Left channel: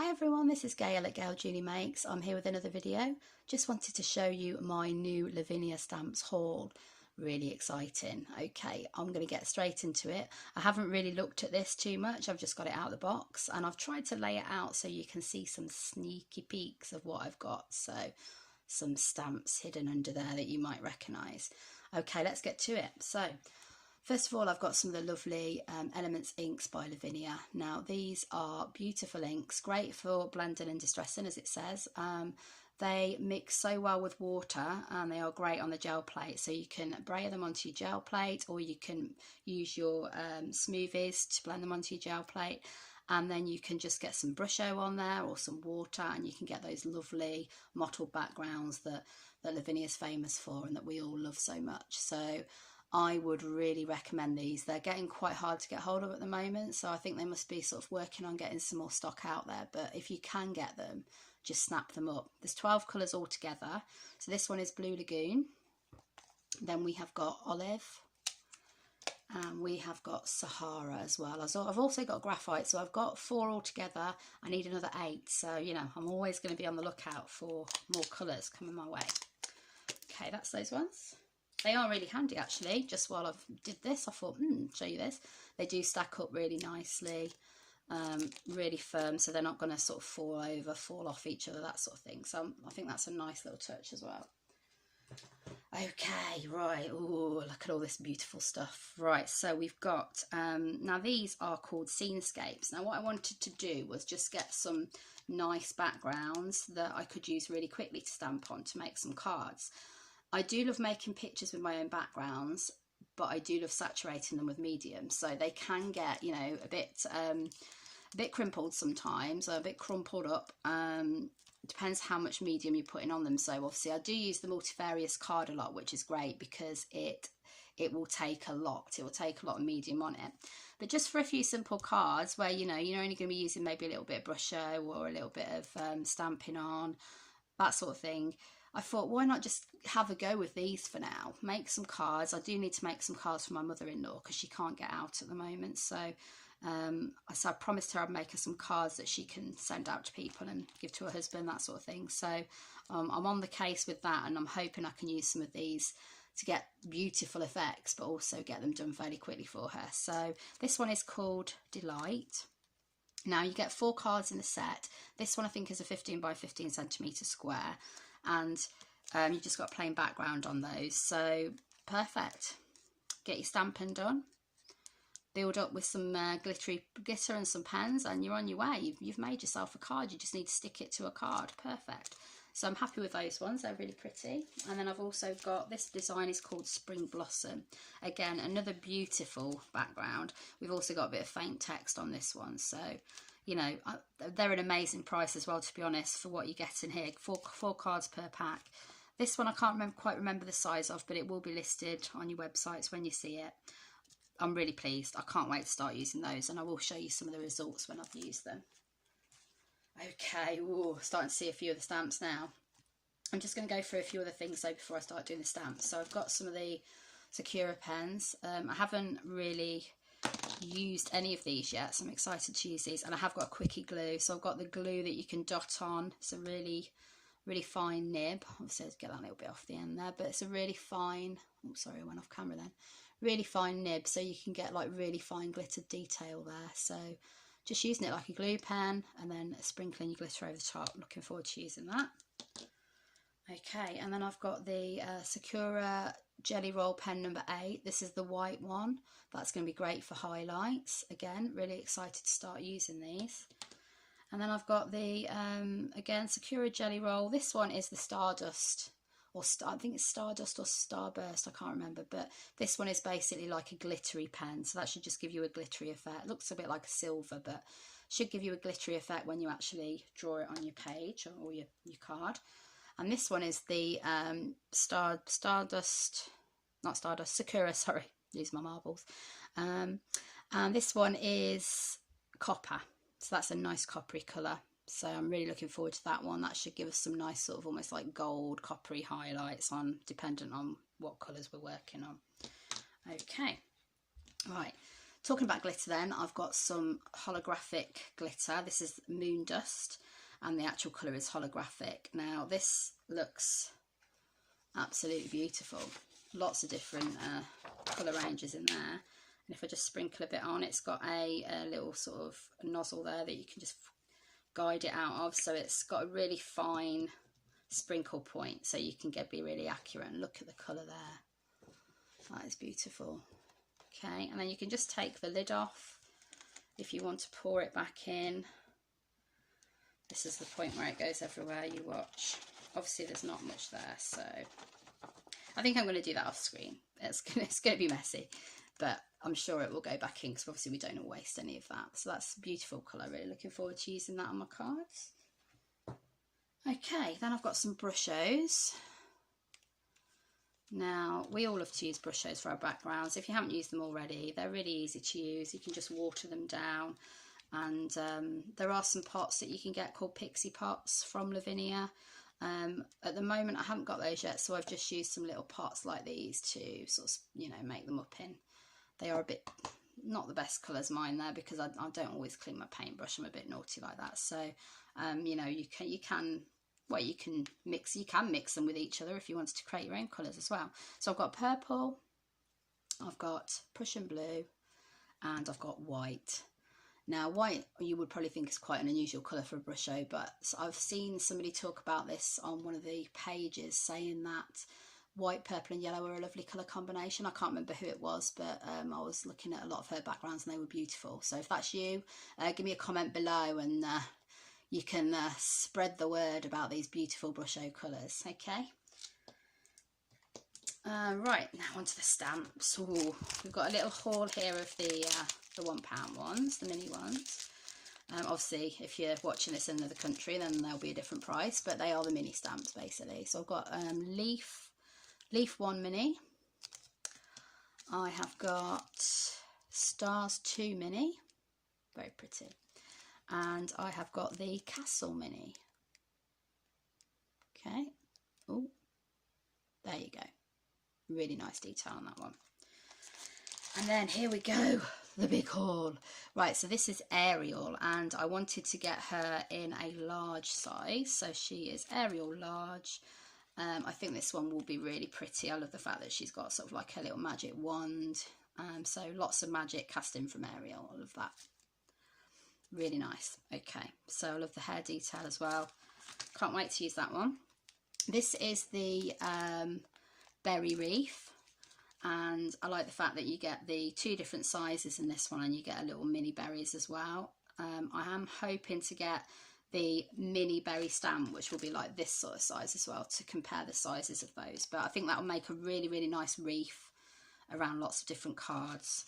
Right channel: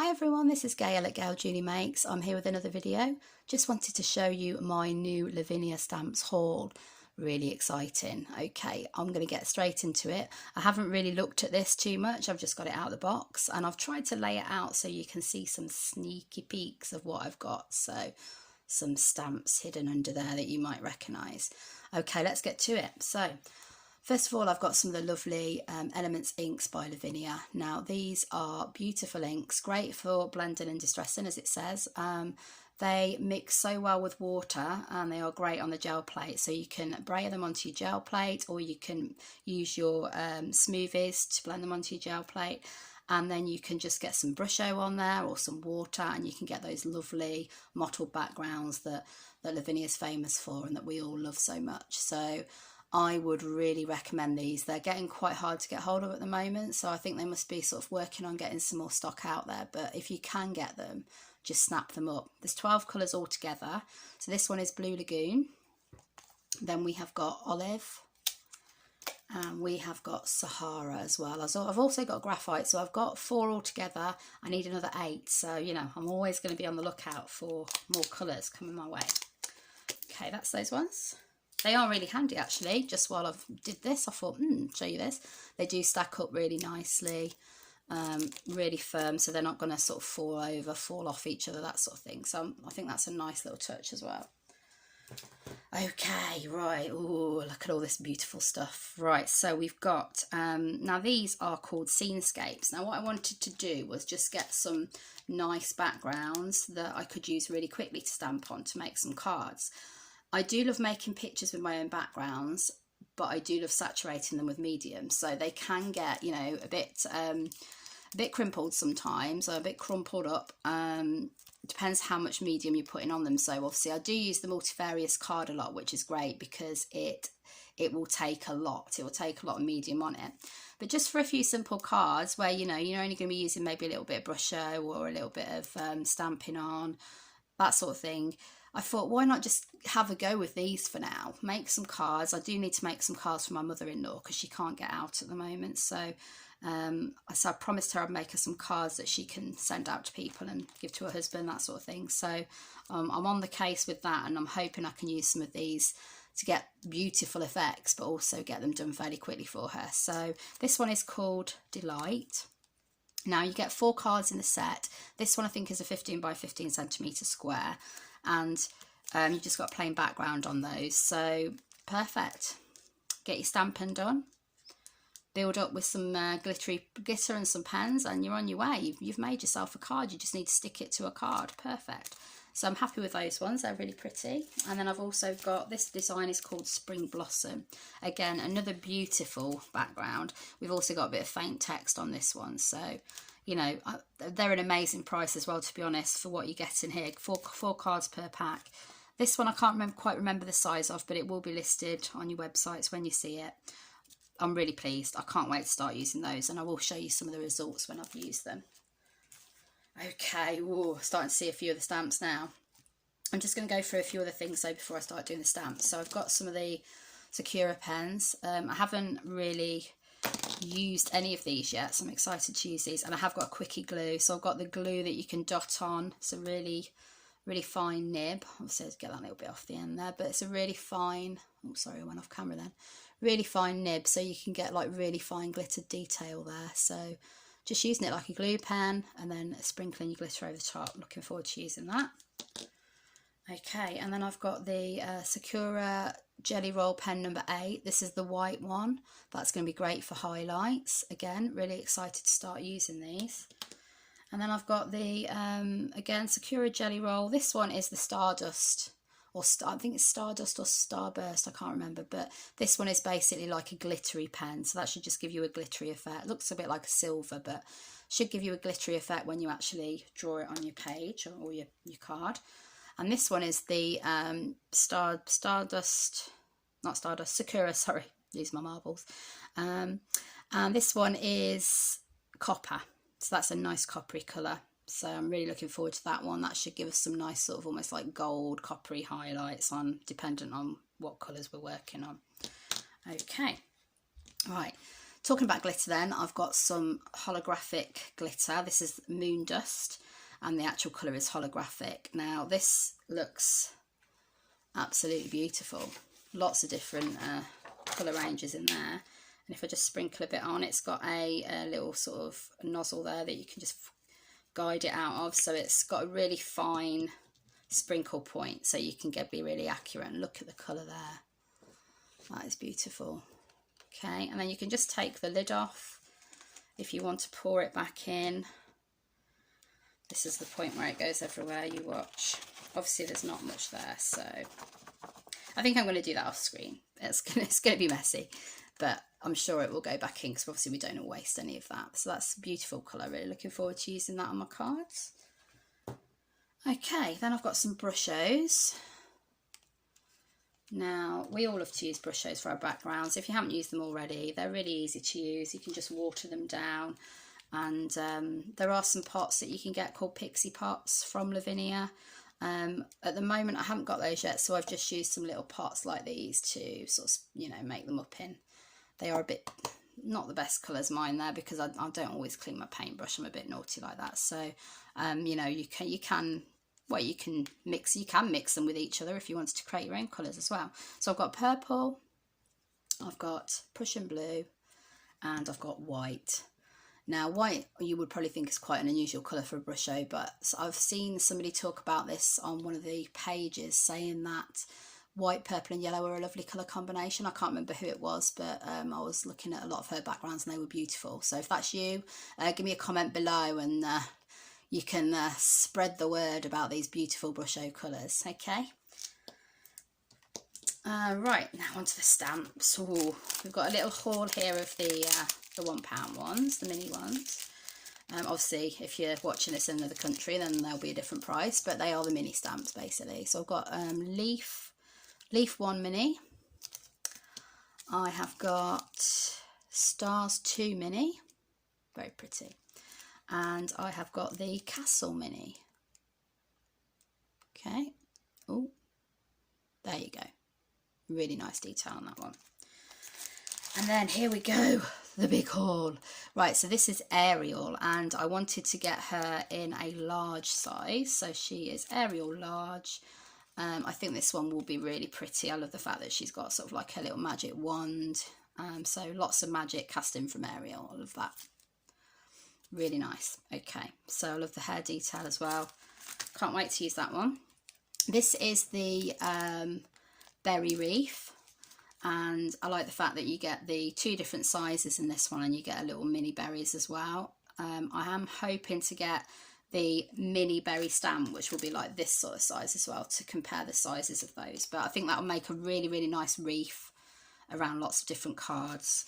Hi everyone, this is Gail at Gail Julie Makes. I'm here with another video. Just wanted to show you my new Lavinia Stamps haul. Really exciting. Okay, I'm going to get straight into it. I haven't really looked at this too much. I've just got it out of the box and I've tried to lay it out so you can see some sneaky peeks of what I've got. So some stamps hidden under there that you might recognise. Okay, let's get to it. So first of all, I've got some of the lovely Elements inks by Lavinia. Now, these are beautiful inks, great for blending and distressing, as it says. They mix so well with water and they are great on the gel plate. So you can brayer them onto your gel plate, or you can use your smoothies to blend them onto your gel plate. And then you can just get some Brusho on there or some water, and you can get those lovely mottled backgrounds that Lavinia is famous for and that we all love so much. So I would really recommend these. They're getting quite hard to get hold of at the moment, so I think they must be sort of working on getting some more stock out there. But if you can get them, just snap them up. There's 12 colours altogether. So this one is Blue Lagoon. Then we have got Olive. And we have got Sahara as well. I've also got Graphite, so I've got 4 altogether. I need another 8, so you know I'm always going to be on the lookout for more colours coming my way. Okay, that's those ones. They are really handy actually. Just while I've did this, I thought, show you this. They do stack up really nicely, really firm, so they're not going to sort of fall over, fall off each other, that sort of thing. So I think that's a nice little touch as well. Okay, right. Oh, look at all this beautiful stuff. Right, so we've got, now these are called Scenescapes. Now what I wanted to do was just get some nice backgrounds that I could use really quickly to stamp on to make some cards. I do love making pictures with my own backgrounds, but I do love saturating them with medium. So they can get, you know, a bit crimpled sometimes, or a bit crumpled up. Depends how much medium you're putting on them. So obviously I do use the multifarious card a lot, which is great because it will take a lot. It will take a lot of medium on it. But just for a few simple cards where, you know, you're only going to be using maybe a little bit of Brusho or a little bit of stamping on, that sort of thing, I thought, why not just have a go with these for now? Make some cards. I do need to make some cards for my mother-in-law because she can't get out at the moment. So I promised her I'd make her some cards that she can send out to people and give to her husband, that sort of thing. So I'm on the case with that, and I'm hoping I can use some of these to get beautiful effects, but also get them done fairly quickly for her. So this one is called Delight. Now you get 4 cards in the set. This one I think is a 15 by 15 centimetre square, and you just got a plain background on those. So perfect. Get your stamping done. Build up with some glitter and some pens, and you're on your way. You've made yourself a card. You just need to stick it to a card. Perfect. So I'm happy with those ones. They're really pretty. And then I've also got, this design is called Spring Blossom. Again, another beautiful background. We've also got a bit of faint text on this one. So, you know, they're an amazing price as well, to be honest, for what you get in here. Four cards per pack. This one I can't quite remember the size of, but it will be listed on your websites when you see it. I'm really pleased. I can't wait to start using those, and I will show you some of the results when I've used them. Okay, ooh, starting to see a few of the stamps now. I'm just going to go through a few other things though before I start doing the stamps. So I've got some of the Sakura pens. I haven't really used any of these yet, so I'm excited to use these. And I have got a quickie glue, so I've got the glue that you can dot on. It's a really fine nib. Obviously I'll get that a little bit off the end there, but it's a really fine, oh sorry, I went off camera then. Really fine nib, so you can get like really fine glittered detail there. So just using it like a glue pen and then sprinkling your glitter over the top. Looking forward to using that. Okay, and then I've got the Sakura Jelly Roll pen number 8. This is the white one. That's going to be great for highlights. Again, really excited to start using these. And then I've got the, again, Sakura Jelly Roll. This one is the Stardust, or I think it's Stardust or Starburst, I can't remember. But this one is basically like a glittery pen, so that should just give you a glittery effect. It looks a bit like a silver, but should give you a glittery effect when you actually draw it on your page or your card. And this one is the Sakura, sorry, use my marbles. And this one is copper, so that's a nice coppery colour. So I'm really looking forward to that one. That should give us some nice sort of almost like gold, coppery highlights on, dependent on what colours we're working on. Okay, right. talking about glitter then, I've got some holographic glitter. This is Moon Dust, and the actual colour is holographic. Now this looks absolutely beautiful. Lots of different colour ranges in there. And if I just sprinkle a bit on, it's got a little sort of nozzle there that you can just guide it out of. So it's got a really fine sprinkle point, so you can be really accurate. And look at the colour there. That is beautiful. Okay, and then you can just take the lid off if you want to pour it back in. This is the point where it goes everywhere, you watch. Obviously there's not much there, so I think I'm going to do that off screen. It's going to be messy, but I'm sure it will go back in, because obviously we don't want to waste any of that. So that's a beautiful colour. Really looking forward to using that on my cards. Okay, then I've got some Brushos. Now, we all love to use Brushos for our backgrounds. If you haven't used them already, they're really easy to use. You can just water them down. And there are some pots that you can get called pixie pots from Lavinia. At the moment, I haven't got those yet, so I've just used some little pots like these to sort of, you know, make them up in. They are a bit, not the best colours mine there, because I don't always clean my paintbrush. I'm a bit naughty like that. So, you know, you can mix them with each other if you wanted to create your own colours as well. So I've got purple, I've got Prussian blue, and I've got white. Now, white, you would probably think is quite an unusual colour for a Brusho, but I've seen somebody talk about this on one of the pages, saying that white, purple and yellow are a lovely colour combination. I can't remember who it was, but I was looking at a lot of her backgrounds and they were beautiful. So if that's you, give me a comment below, and you can spread the word about these beautiful Brusho colours, okay? Right, now onto the stamps. Ooh, we've got a little haul here of the £1 ones, the mini ones. Obviously, if you're watching this in another country, then they'll be a different price, but they are the mini stamps, basically. So I've got Leaf 1 mini. I have got Stars 2 mini, very pretty. And I have got the Castle mini. Okay. Oh, there you go. Really nice detail on that one. And then here we go, the big haul. Right, so this is Ariel, and I wanted to get her in a large size. So she is Ariel large. I think this one will be really pretty. I love the fact that she's got sort of like a little magic wand. So lots of magic cast in from Ariel. I love that. Really nice. Okay, so I love the hair detail as well. Can't wait to use that one. This is the berry wreath, and I like the fact that you get the 2 different sizes in this one, and you get a little mini berries as well. I am hoping to get the mini berry stamp, which will be like this sort of size as well, to compare the sizes of those. But I think that will make a really, really nice wreath around lots of different cards.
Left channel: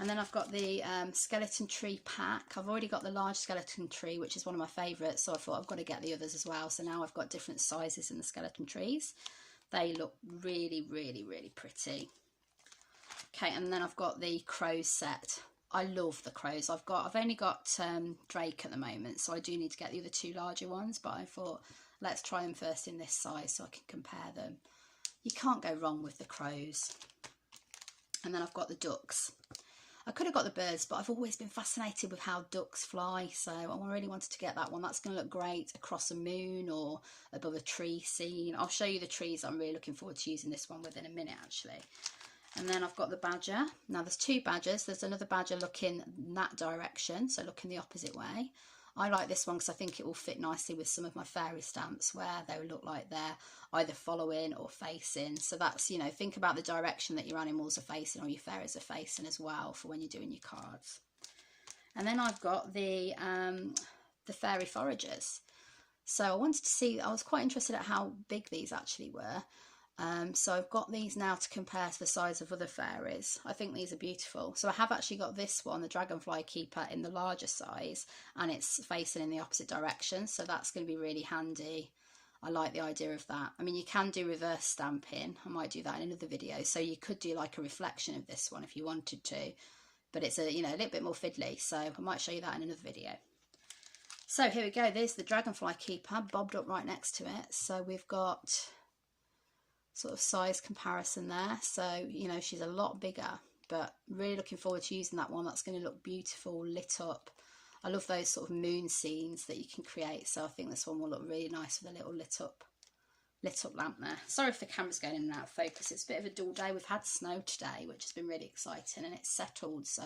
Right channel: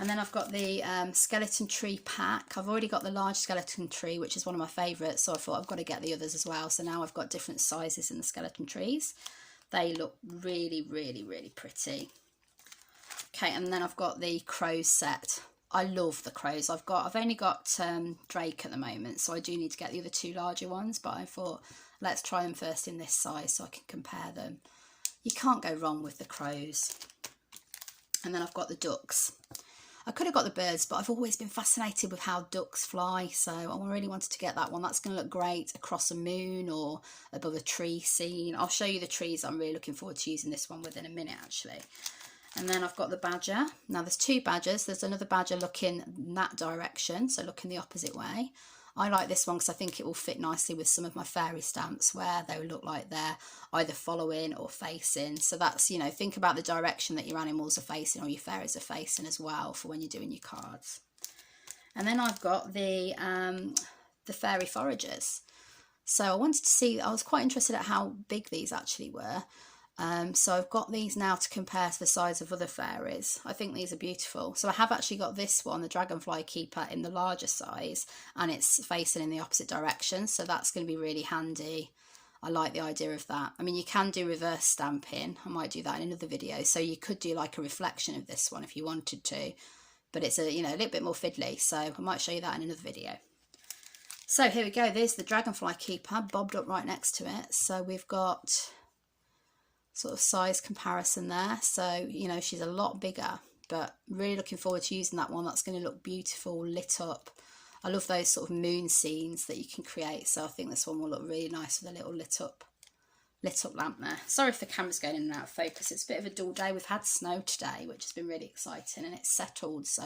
And then I've got the skeleton tree pack. I've already got the large skeleton tree, which is one of my favourites, so I thought I've got to get the others as well. So now I've got different sizes in the skeleton trees. They look really, really, really pretty. Okay, and then I've got the crows set. I love the crows. I've only got Drake at the moment, so I do need to get the other 2 larger ones, but I thought let's try them first in this size so I can compare them. You can't go wrong with the crows. And then I've got the ducks. I could have got the birds, but I've always been fascinated with how ducks fly, so I really wanted to get that one. That's going to look great across a moon or above a tree scene. I'll show you the trees I'm really looking forward to using this one with in a minute, actually. And then I've got the badger. Now there's 2 badgers. There's another badger looking in that direction, so looking the opposite way. I like this one because I think it will fit nicely with some of my fairy stamps where they look like they're either following or facing. So that's, you know, think about the direction that your animals are facing or your fairies are facing as well for when you're doing your cards. And then I've got the fairy foragers. So I wanted to see, I was quite interested at how big these actually were. So I've got these now to compare to the size of other fairies. I think these are beautiful. So I have actually got this one, the Dragonfly Keeper, in the larger size, and it's facing in the opposite direction. So that's going to be really handy. I like the idea of that. I mean, you can do reverse stamping. I might do that in another video. So you could do like a reflection of this one if you wanted to, but it's a little bit more fiddly. So I might show you that in another video. So here we go. There's the Dragonfly Keeper bobbed up right next to it. So we've got sort of size comparison there. So, you know, she's a lot bigger but really looking forward to using that one. That's going to look beautiful, lit up. I love those sort of moon scenes that you can create, so I think this one will look really nice with a little lit up lamp there. Sorry if the camera's going in and out of focus. It's a bit of a dull day. We've had snow today, which has been really exciting, and it's settled, so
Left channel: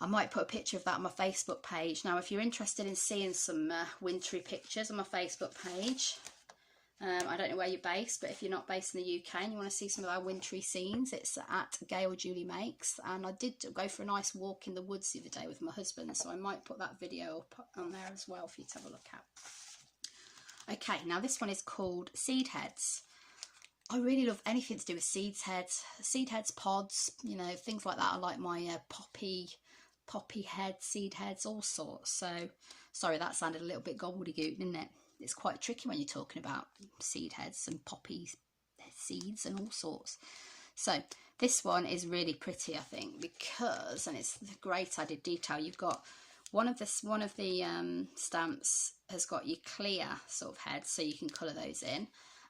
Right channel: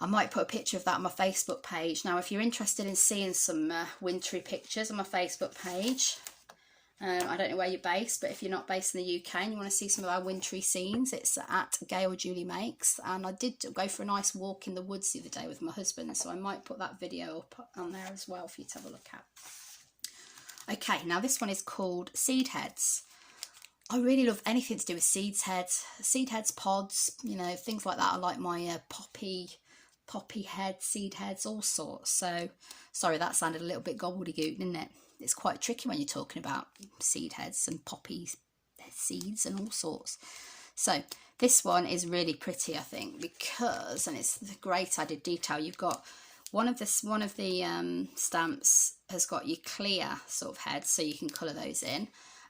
I might put a picture of that on my Facebook page. Now, if you're interested in seeing some wintry pictures on my Facebook page, I don't know where you're based, but if you're not based in the UK and you want to see some of our wintry scenes, it's at Gail Julie Makes. And I did go for a nice walk in the woods the other day with my husband, so I might put that video up on there as well for you to have a look at. Okay, now this one is called Seed Heads. I really love anything to do with seed heads, pods, you know, things like that. I like my poppy heads, seed heads, all sorts. So, sorry, that sounded a little bit gobbledygook, didn't it? It's quite tricky when you're talking about seed heads and poppy seeds and all sorts. So this one is really pretty, I think, because, and it's the great added detail. You've got one of the stamps has got your clear sort of heads, so you can colour those in.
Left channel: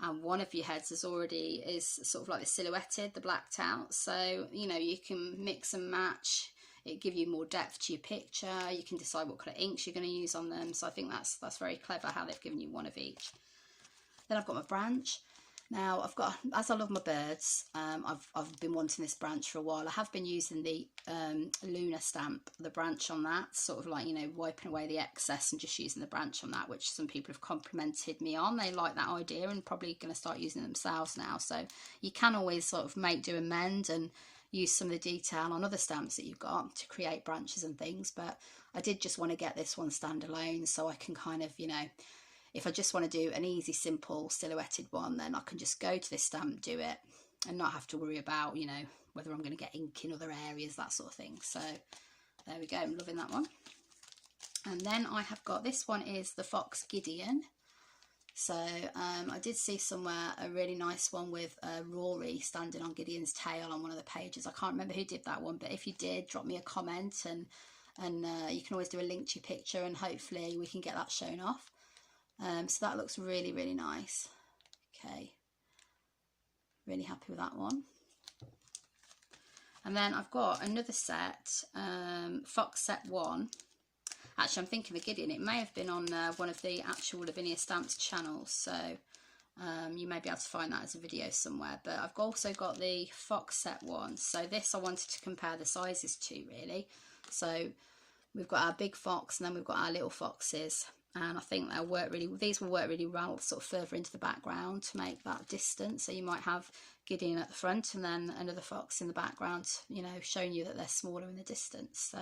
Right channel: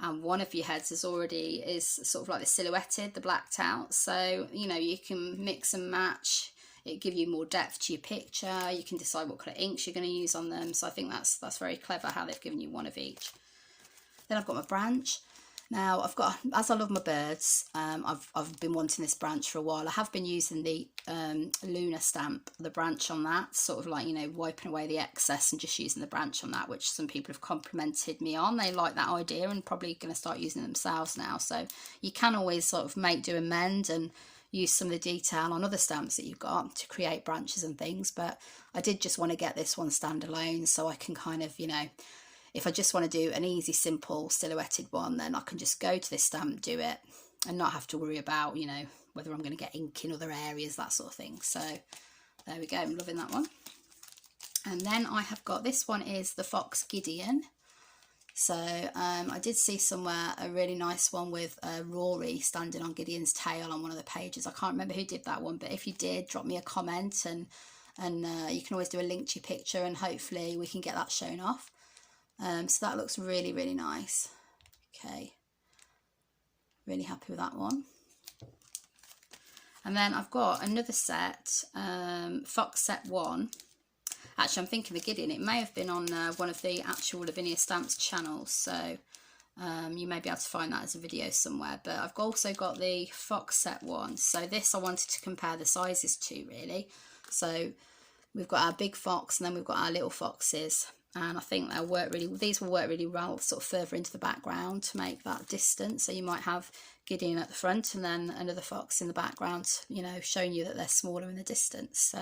And one of your heads is sort of like the silhouetted, the blacked out. So, you know, you can mix and match. It gives you more depth to your picture. You can decide what colour inks you're going to use on them. So I think that's very clever how they've given you one of each. Then I've got my branch. Now I've got, as I love my birds, I've been wanting this branch for a while. I have been using the lunar stamp, the branch on that, sort of like, you know, wiping away the excess and just using the branch on that, which some people have complimented me on. They like that idea and probably going to start using it themselves now. So you can always sort of do and mend and use some of the detail on other stamps that you've got to create branches and things, but I did just want to get this one standalone so I can kind of, you know, if I just want to do an easy, simple silhouetted one, then I can just go to this stamp, do it, and not have to worry about, you know, whether I'm going to get ink in other areas, that sort of thing. So there we go, I'm loving that one. And then I have got, this one is the Fox Gideon. So I did see somewhere a really nice one with Rory standing on Gideon's tail on one of the pages. I can't remember who did that one, but if you did, drop me a comment and you can always do a link to your picture and hopefully we can get that shown off. So that looks really, really nice. Okay, really happy with that one. And then I've got another set, Fox Set 1. Actually, I'm thinking the Gideon, it may have been on one of the actual Lavinia Stamps channels, so you may be able to find that as a video somewhere. But I've also got the Fox Set 1. So this I wanted to compare the sizes to, really. So we've got our big fox and then we've got our little foxes. And I think these will work really well sort of further into the background to make that distance. So you might have Gideon at the front and then another fox in the background, you know, showing you that they're smaller in the distance. So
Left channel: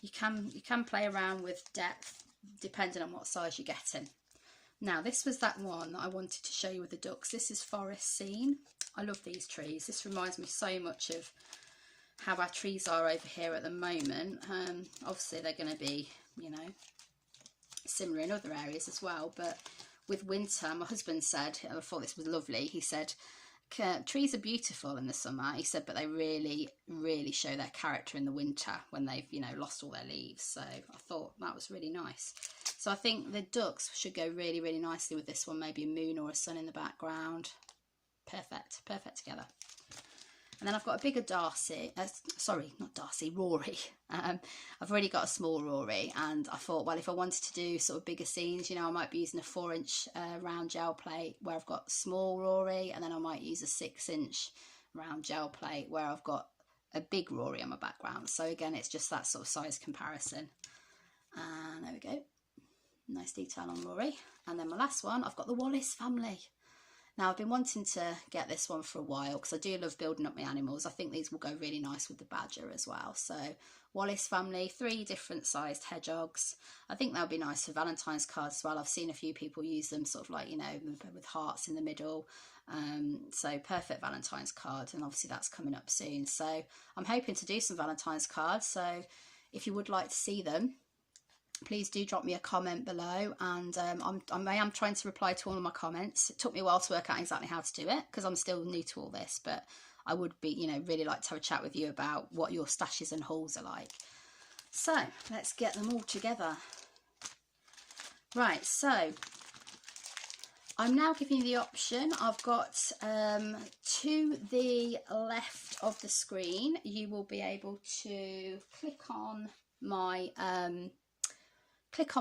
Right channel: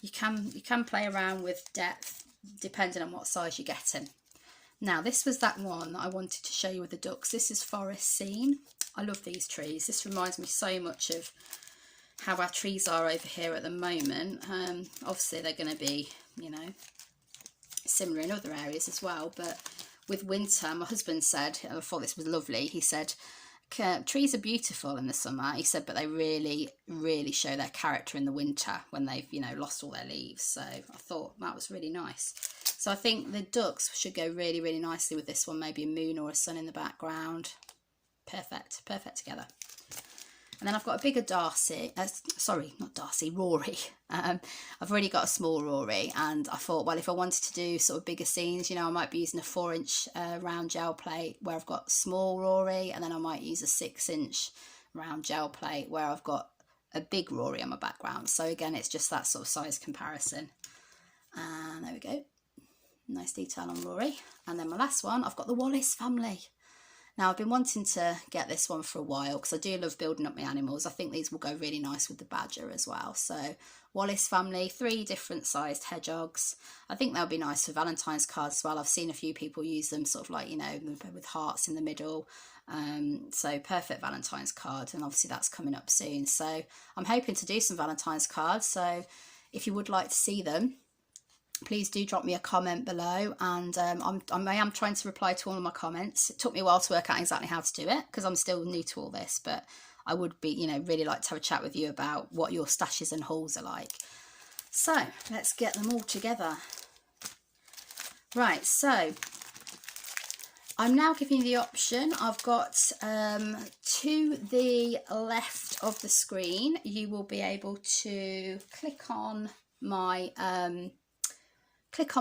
you can play around with depth depending on what size you're getting. Now this was that one that I wanted to show you with the ducks. This is Forest Scene. I love these trees. This reminds me so much of how our trees are over here at the moment. Obviously they're going to be, you know, similar in other areas as well, but with winter, my husband said, and I thought this was lovely, he said, trees are beautiful in the summer, he said, but they really, really show their character in the winter when they've, you know, lost all their leaves. So I thought that was really nice. So I think the ducks should go really, really nicely with this one, maybe a moon or a sun in the background. Perfect together. And then I've got a bigger Rory. I've already got a small Rory, and I thought, well, if I wanted to do sort of bigger scenes, you know, I might be using a 4-inch round gel plate where I've got small Rory, and then I might use a 6-inch round gel plate where I've got a big Rory on my background. So again, it's just that sort of size comparison. And there we go. Nice detail on Rory. And then my last one, I've got the Wallace family. Now, I've been wanting to get this one for a while because I do love building up my animals. I think these will go really nice with the badger as well. So, Wallace family, 3 different sized hedgehogs. I think they'll be nice for Valentine's cards as well. I've seen a few people use them sort of like, you know, with hearts in the middle. So, perfect Valentine's card. And obviously that's coming up soon. So, I'm hoping to do some Valentine's cards. So, if you would like to see them, please do drop me a comment below, and I am trying to reply to all of my comments. It took me a while to work out exactly how to do it because I'm still new to all this, but I would be, you know, really like to have a chat with you about what your stashes and hauls are like. So let's get them all together. Right, so I'm now giving you the option. I've got to the left of the screen, you will be able to click on my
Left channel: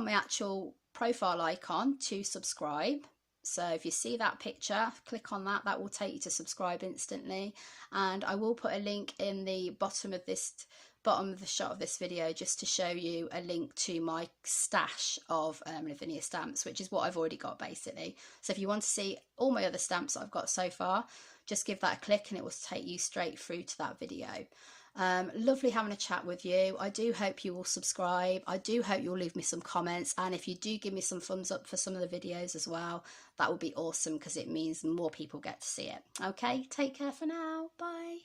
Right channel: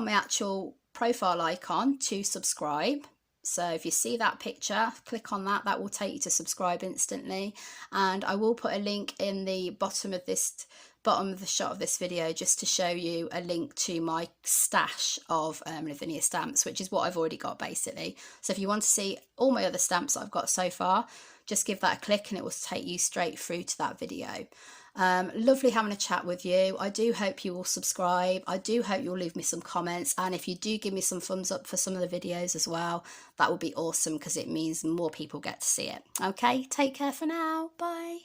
actual profile icon to subscribe. So if you see that picture, click on that. That will take you to subscribe instantly. And I will put a link in the bottom of the shot of this video, just to show you a link to my stash of Lavinia stamps, which is what I've already got basically. So if you want to see all my other stamps that I've got so far, just give that a click and it will take you straight through to that video. Lovely having a chat with you. I do hope you will subscribe. I do hope you'll leave me some comments, and if you do give me some thumbs up for some of the videos as well, that would be awesome, because it means more people get to see it. Okay, take care for now. Bye.